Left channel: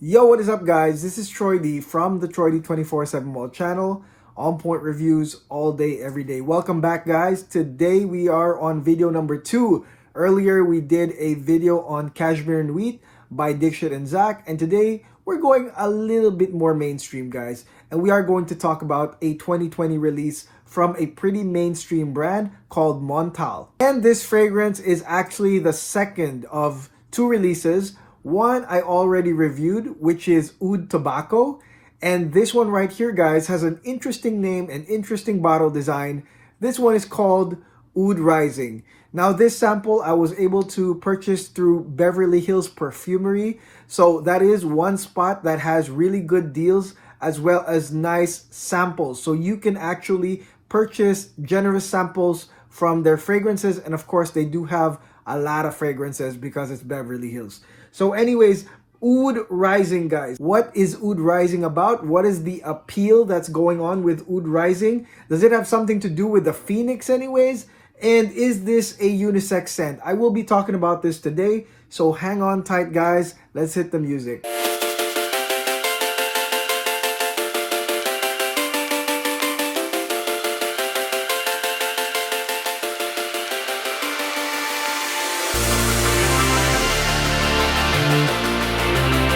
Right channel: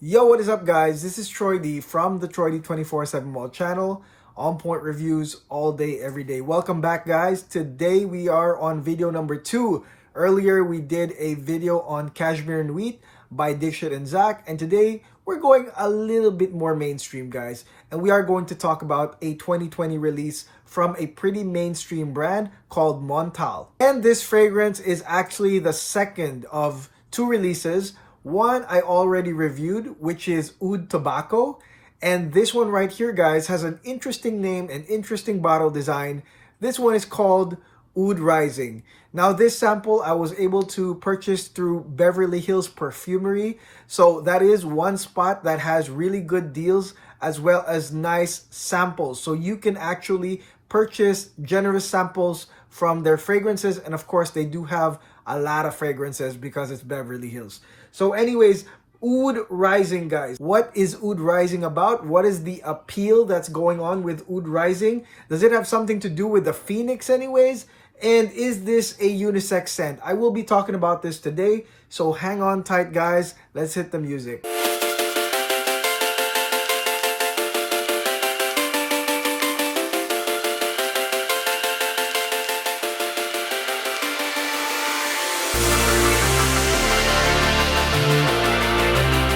Yo, what is up, guys? This is Troy D from the Troy D 24/7 Wall channel. On point reviews all day, every day. Welcome back, guys. Today we are on video number 2. Earlier we did a video on Cashmere and Wheat by Dixit and Zach, and today we're going a little bit more mainstream, guys. And we are going to talk about a 2020 release from a pretty mainstream brand called Montale. And this fragrance is actually the second of 2 releases. One I already reviewed, which is Oud Tobacco. And this one right here, guys, has an interesting name and interesting bottle design. This one is called Oudrising. Now, this sample I was able to purchase through Beverly Hills Perfumery. So that is one spot that has really good deals as well as nice samples. So you can actually purchase generous samples from their fragrances. And of course, they do have a lot of fragrances because it's Beverly Hills. So anyways, Oudrising, guys. What is Oudrising about? What is the appeal that's going on with Oudrising? Does it have something to do with the Phoenix anyways? And is this a unisex scent? I will be talking about this today. So hang on tight, guys. Let's hit the music.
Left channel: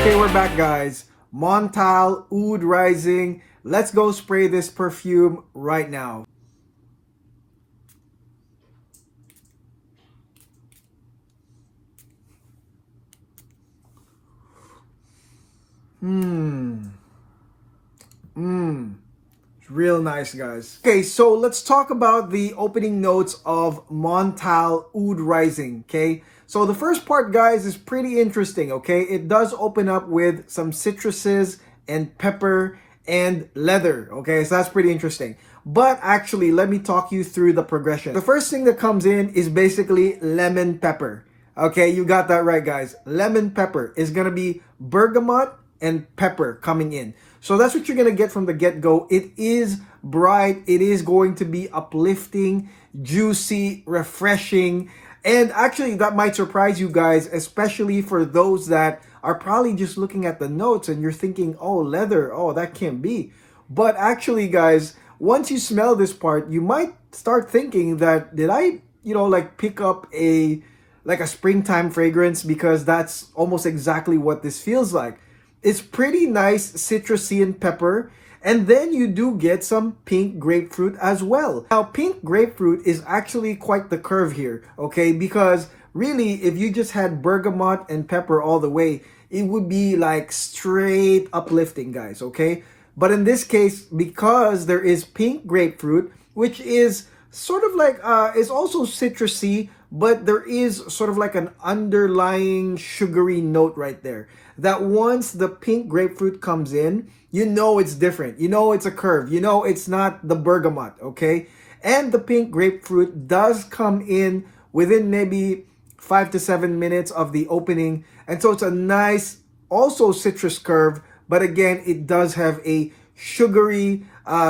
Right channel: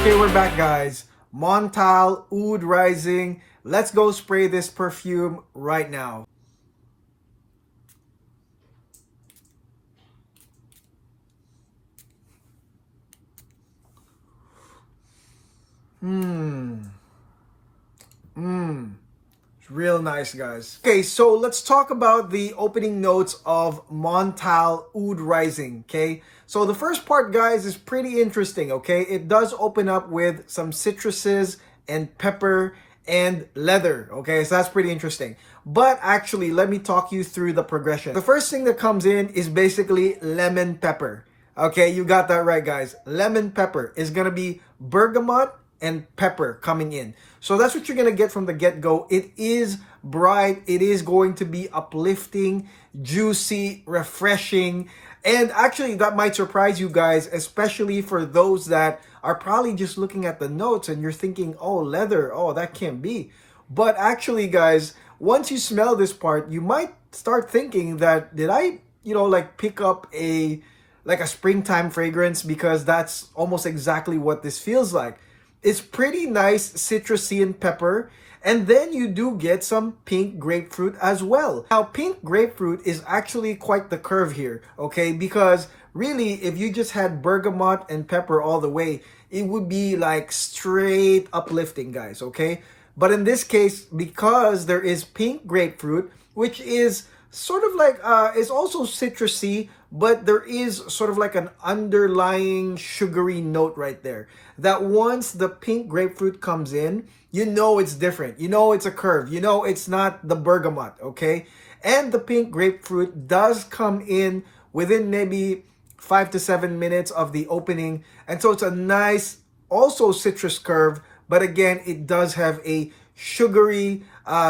Okay, we're back, guys. Montale Oudrising. Let's go spray this perfume right now. It's real nice, guys. Okay, so let's talk about the opening notes of Montale Oudrising, okay? So the first part, guys, is pretty interesting, okay? It does open up with some citruses and pepper and leather, okay? So that's pretty interesting. But actually, let me talk you through the progression. The first thing that comes in is basically lemon pepper. Okay, you got that right, guys. Lemon pepper is gonna be bergamot and pepper coming in. So that's what you're gonna get from the get-go. It is bright, it is going to be uplifting, juicy, refreshing, and actually that might surprise you guys, especially for those that are probably just looking at the notes and you're thinking, oh, leather, oh, that can't be. But actually, guys, once you smell this part, you might start thinking that, did I, like pick up a springtime fragrance? Because that's almost exactly what this feels like. It's pretty nice citrusy and pepper. And then you do get some pink grapefruit as well. Now, pink grapefruit is actually quite the curve here, okay? Because really, if you just had bergamot and pepper all the way, it would be like straight uplifting, guys, okay? But in this case, because there is pink grapefruit, which is sort of like, it's also citrusy, but there is sort of like an underlying sugary note right there. That once the pink grapefruit comes in, you know it's different. You know it's a curve. You know it's not the bergamot, okay? And the pink grapefruit does come in within maybe 5 to 7 minutes of the opening. And so it's a nice, also citrus curve. But again, it does have a sugary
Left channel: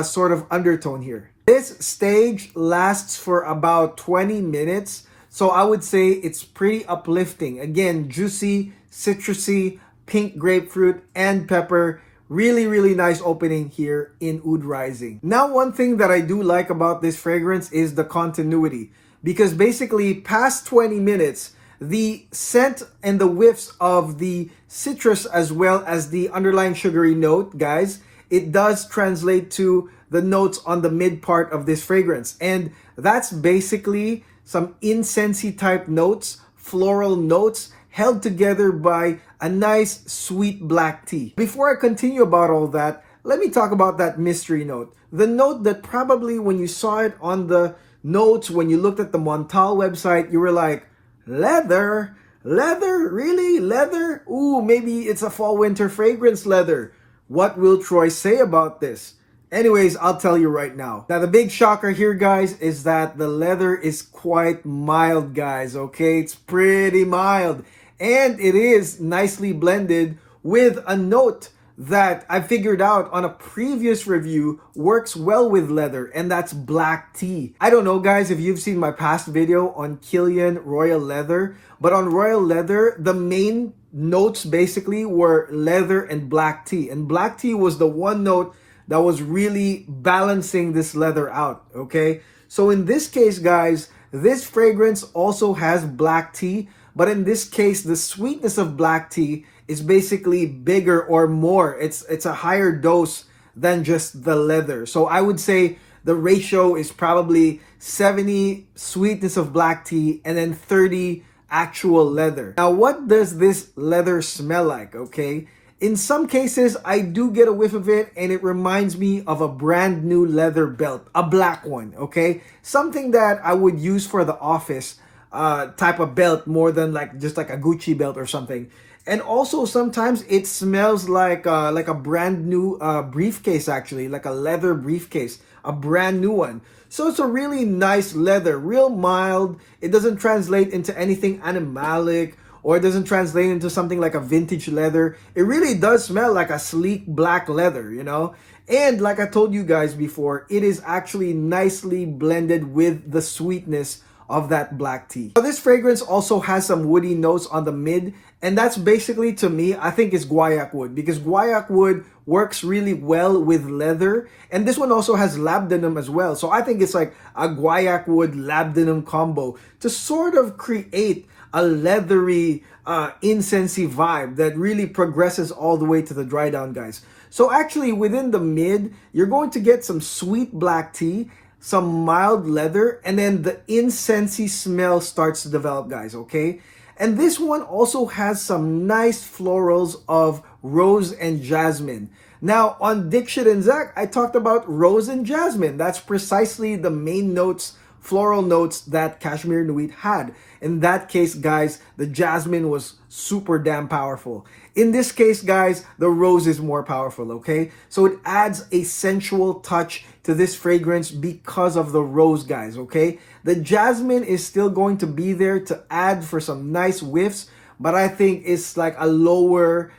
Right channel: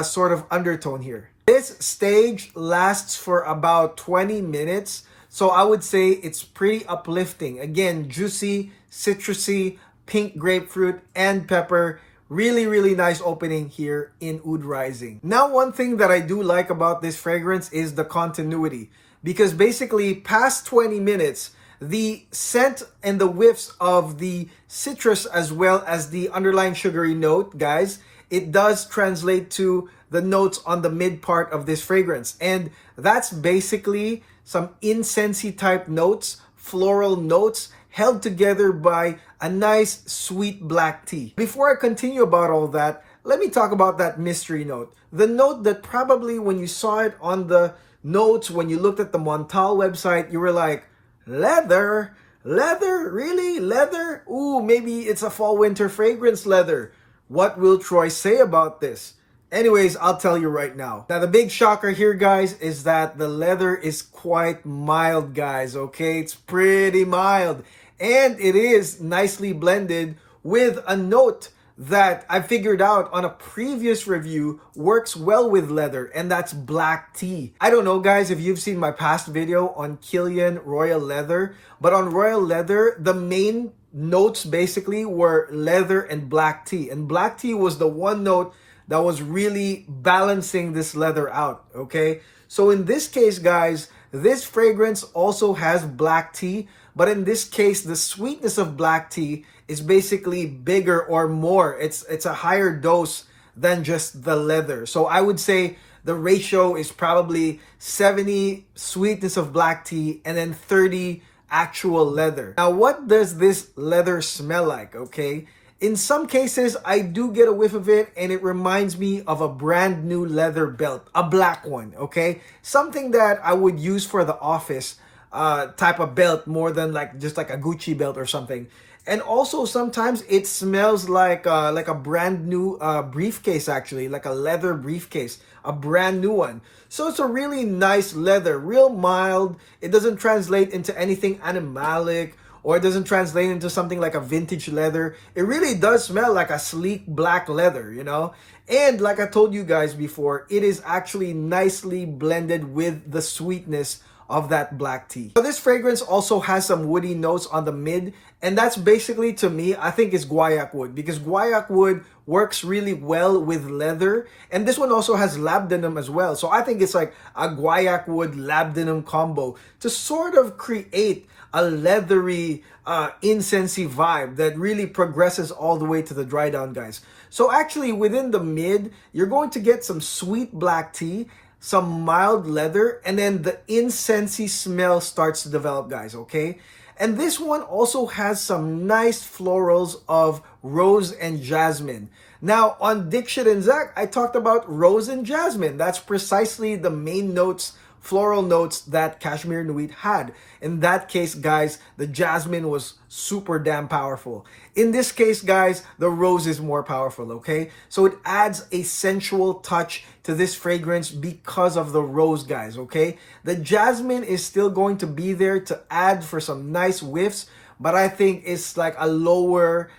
sort of undertone here. This stage lasts for about 20 minutes. So I would say it's pretty uplifting. Again, juicy, citrusy, pink grapefruit, and pepper. Really, really nice opening here in Oudrising. Now, one thing that I do like about this fragrance is the continuity. Because basically, past 20 minutes, the scent and the whiffs of the citrus as well as the underlying sugary note, guys, it does translate to the notes on the mid part of this fragrance. And that's basically some incensey type notes, floral notes, held together by a nice sweet black tea. Before I continue about all that, let me talk about that mystery note. The note that probably when you saw it on the notes, when you looked at the Montale website, you were like, leather? Leather? Really? Leather? Ooh, maybe it's a fall winter fragrance leather. What will Troy say about this? Anyways, I'll tell you right now. Now, the big shocker here, guys, is that the leather is quite mild, guys, okay? It's pretty mild. And it is nicely blended with a note that I figured out on a previous review works well with leather, and that's black tea. I don't know, guys, if you've seen my past video on Killian Royal Leather, but on Royal Leather, the main notes basically were leather and black tea. And black tea was the one note that was really balancing this leather out, okay? So in this case, guys, this fragrance also has black tea, but in this case, the sweetness of black tea is basically bigger or more. It's a higher dose than just the leather. So I would say the ratio is probably 70 sweetness of black tea and then 30 actual leather. Now, what does this leather smell like, okay? In some cases, I do get a whiff of it and it reminds me of a brand new leather belt, a black one, okay? Something that I would use for the office type of belt more than like just like a Gucci belt or something. And also sometimes it smells like a brand new briefcase, actually, like a leather briefcase, a brand new one. So it's a really nice leather, real mild. It doesn't translate into anything animalic, or it doesn't translate into something like a vintage leather. It really does smell like a sleek black leather, you know? And like I told you guys before, it is actually nicely blended with the sweetness of that black tea. Now, this fragrance also has some woody notes on the mid, and that's basically, to me, I think is guaiac wood, because guaiac wood works really well with leather, and this one also has labdanum as well. So I think it's like a guaiac wood labdanum combo to sort of create a leathery incensey vibe that really progresses all the way to the dry down, guys. So actually within the mid, you're going to get some sweet black tea, some mild leather, and then the incensey smell starts to develop, guys, okay? And this one also has some nice florals of rose and jasmine. Now, on Dick Shit and Zach, I talked about rose and jasmine. That's precisely the main notes, floral notes that Cashmere Nuit had. In that case, guys, the jasmine was super damn powerful. In this case, guys, the rose is more powerful, okay? So it adds a sensual touch to this fragrance because of the rose, guys, okay? The jasmine is still going to be there to add for some nice whiffs, but I think it's like a lower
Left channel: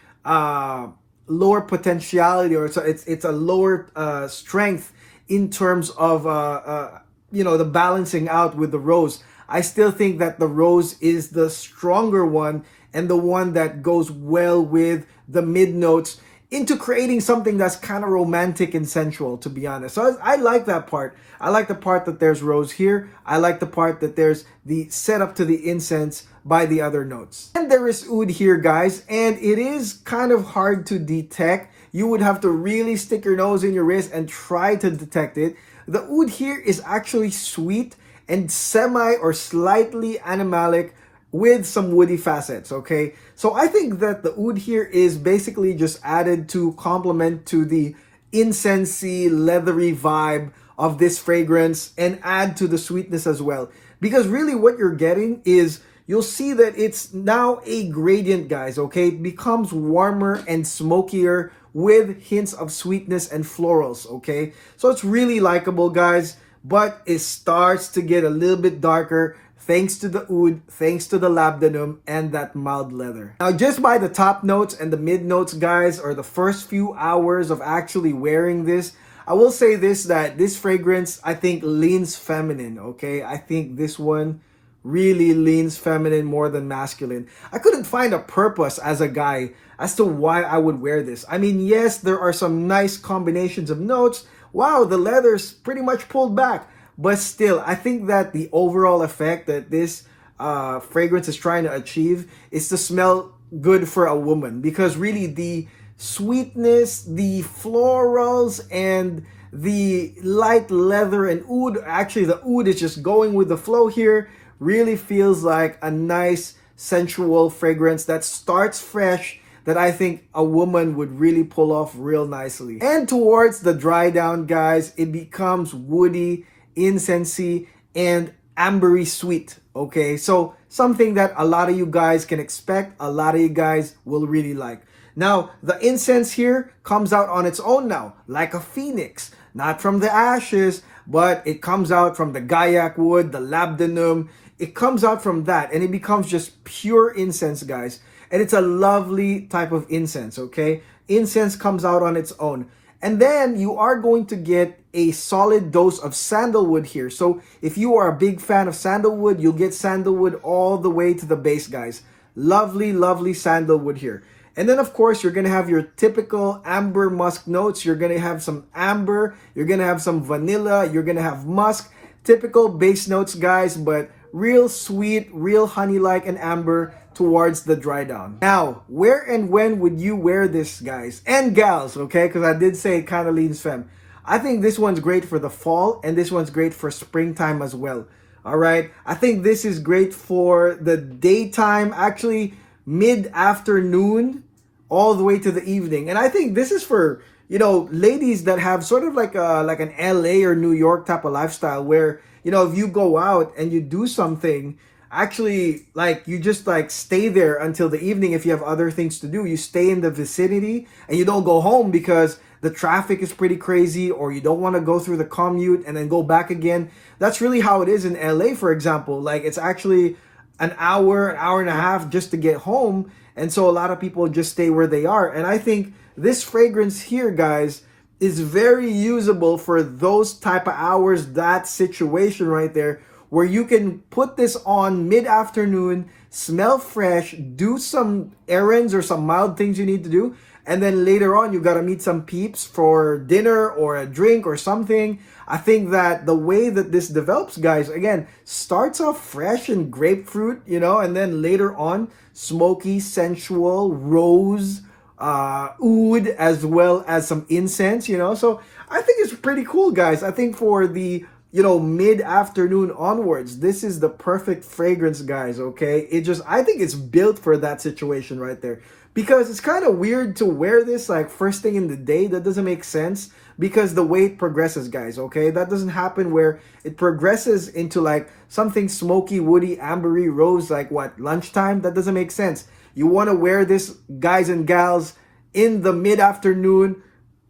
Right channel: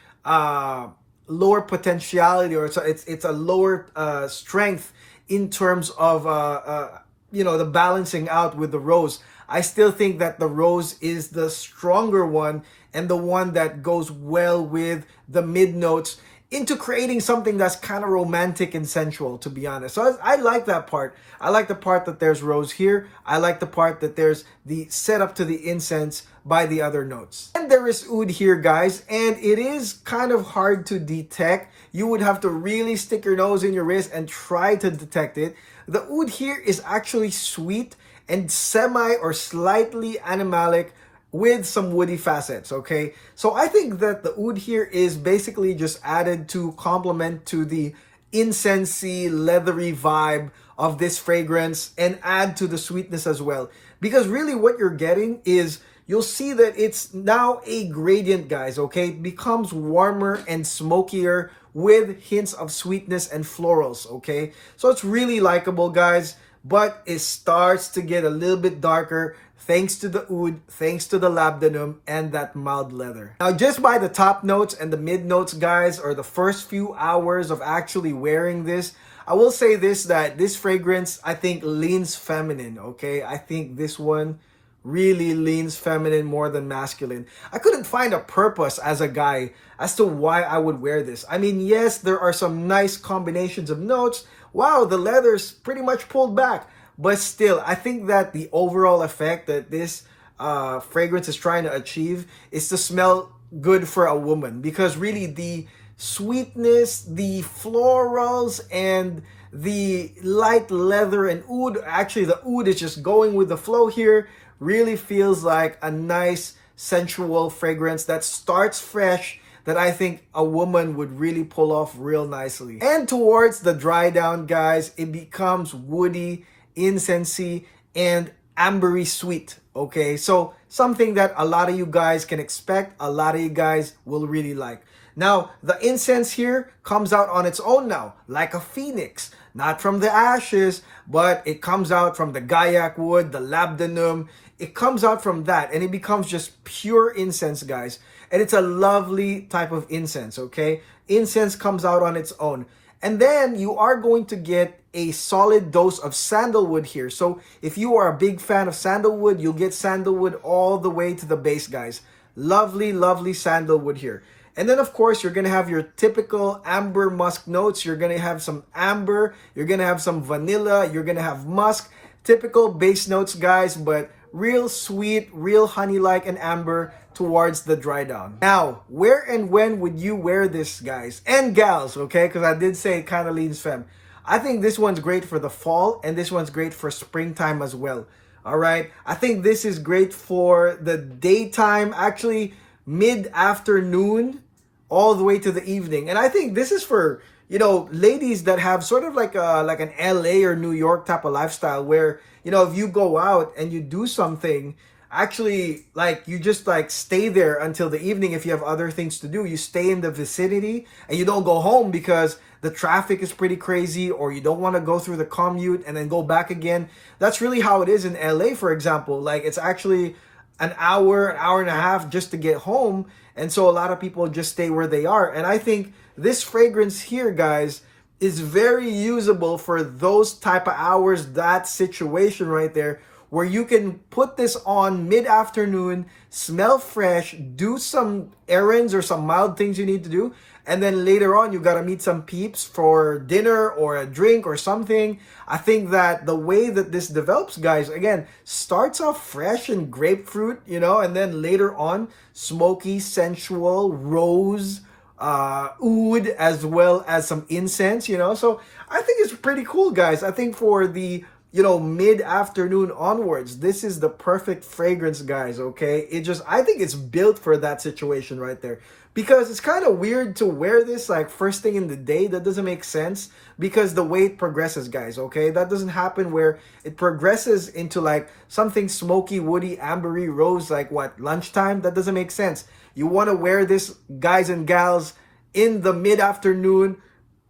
potentiality, or it's a lower strength in terms of the balancing out with the rose. I still think that the rose is the stronger one and the one that goes well with the mid notes into creating something that's kind of romantic and sensual, to be honest. So I like that part. I like the part that there's rose here. I like the part that there's the setup to the incense by the other notes. And there is oud here, guys, and it is kind of hard to detect. You would have to really stick your nose in your wrist and try to detect it. The oud here is actually sweet and semi or slightly animalic with some woody facets, okay? So I think that the oud here is basically just added to complement to the incensey, leathery vibe of this fragrance and add to the sweetness as well. Because really what you're getting is, you'll see that it's now a gradient, guys, okay? It becomes warmer and smokier with hints of sweetness and florals, okay? So it's really likable, guys, but it starts to get a little bit darker thanks to the oud, thanks to the labdanum, and that mild leather. Now, just by the top notes and the mid notes, guys, or the first few hours of actually wearing this, I will say this, that this fragrance, I think, leans feminine, okay? I think this one really leans feminine more than masculine. I couldn't find a purpose as a guy as to why I would wear this. I mean, yes, there are some nice combinations of notes. Wow, the leather's pretty much pulled back. But still, I think that the overall effect that this fragrance is trying to achieve is to smell good for a woman. Because really the sweetness, the florals, and the light leather and oud, actually the oud is just going with the flow here, really feels like a nice sensual fragrance that starts fresh, that I think a woman would really pull off real nicely. And towards the dry down, guys, it becomes woody, incensey, and ambery sweet, okay? So something that a lot of you guys can expect, a lot of you guys will really like. Now, the incense here comes out on its own now, like a phoenix. Not from the ashes, but it comes out from the guaiac wood, the labdanum. It comes out from that, and it becomes just pure incense, guys. And it's a lovely type of incense, okay? Incense comes out on its own. And then you are going to get a solid dose of sandalwood here. So if you are a big fan of sandalwood, you'll get sandalwood all the way to the base, guys. Lovely, lovely sandalwood here. And then, of course, you're going to have your typical amber musk notes. You're going to have some amber. You're going to have some vanilla. You're going to have musk. Typical base notes, guys, but real sweet, real honey-like and amber towards the dry down. Now, where and when would you wear this, guys? And gals, okay? Because I did say it kind of leans femme. I think this one's great for the fall, and this one's great for springtime as well. All right? I think this is great for the daytime, actually mid-afternoon all the way to the evening. And I think this is for, you know, ladies that have sort of like an LA or New York type of lifestyle where, you know, if you go out and you do something, actually, like, you just like stay there until the evening. If you have other things to do, you stay in the vicinity and you don't go home because the traffic is pretty crazy, or you don't want to go through the commute and then go back again. That's really how it is in LA, for example. Like, it's actually an hour and a half just to get home. And so a lot of people just stay where they are. And I think this fragrance here, guys, is very usable for those type of hours, that situation right there, where you can put this on mid-afternoon, smell fresh, do some errands or some mild things you need to do, and then later on you got to meet some peeps for dinner or a drink or something. I think that the way that this develops, guys, again, starts off fresh and grapefruit, you know, and then later on smoky, sensual, rose, oud, as well as some incense, you know. So I think it's pretty cool, guys. I think for the, you know, mid-afternoon onwards, this is the perfect fragrance, guys, okay? I think it's built for that situation right there. Because it's kind of weird to wear this like first thing in the day. That doesn't make sense because the way it progresses, guys, okay? That doesn't happen where it progresses into like something smoky, woody, ambery, rose, like what, lunchtime? That doesn't make sense. You want to wear this, guys and gals, in the mid-afternoon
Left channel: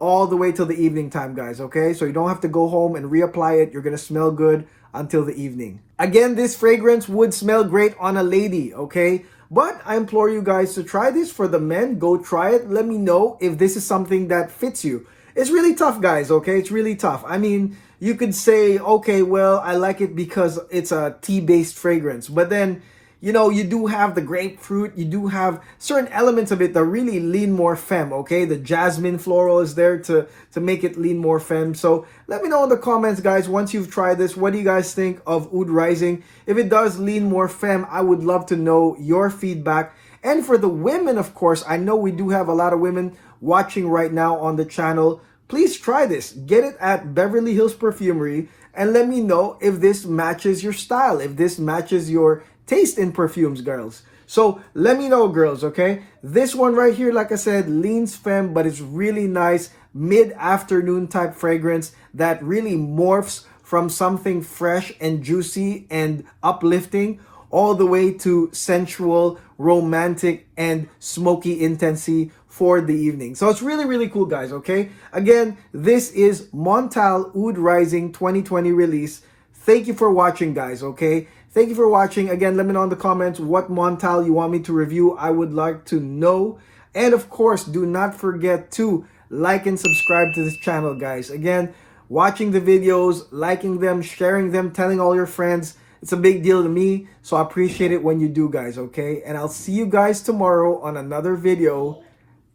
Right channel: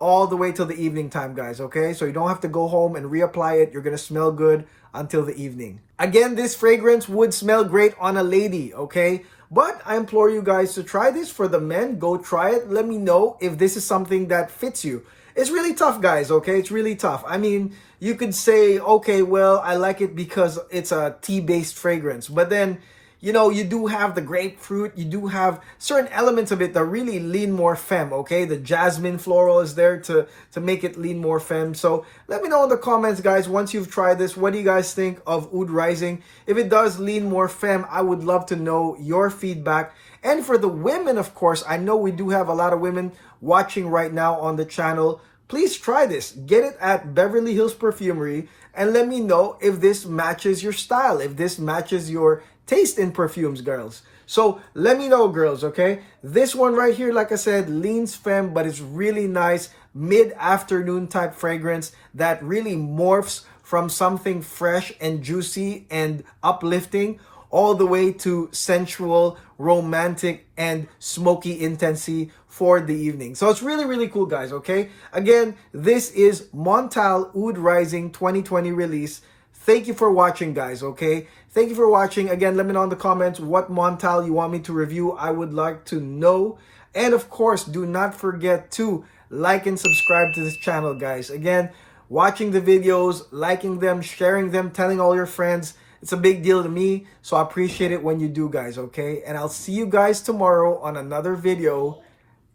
all the way till the evening time, guys, okay? So you don't have to go home and reapply it. You're going to smell good until the evening. Again, this fragrance would smell great on a lady, okay? But I implore you guys to try this. For the men, go try it. Let me know if this is something that fits you. It's really tough, guys, okay? It's really tough. I mean, you could say, okay, well, I like it because it's a tea-based fragrance. But then, you know, you do have the grapefruit. You do have certain elements of it that really lean more femme, okay? The jasmine floral is there to make it lean more femme. So let me know in the comments, guys, once you've tried this, what do you guys think of Oud Rising? If it does lean more femme, I would love to know your feedback. And for the women, of course, I know we do have a lot of women watching right now on the channel. Please try this. Get it at Beverly Hills Perfumery and let me know if this matches your style, if this matches your taste in perfumes, girls. So let me know, girls, okay? This one right here, like I said, leans femme, but it's really nice mid-afternoon type fragrance that really morphs from something fresh and juicy and uplifting all the way to sensual, romantic, and smoky intensity for the evening. So it's really, really cool, guys, okay? Again, this is Montale Oudrising 2020 release. Thank you for watching, guys, okay? Thank you for watching. Again, let me know in the comments what Montale you want me to review. I would like to know. And of course, do not forget to like and subscribe to this channel, guys. Again, watching the videos, liking them, sharing them, telling all your friends. It's a big deal to me, so I appreciate it when you do, guys, okay? And I'll see you guys tomorrow on another video.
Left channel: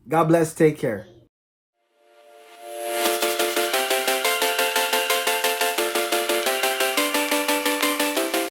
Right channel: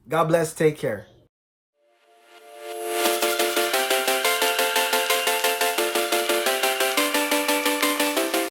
God bless. Take care.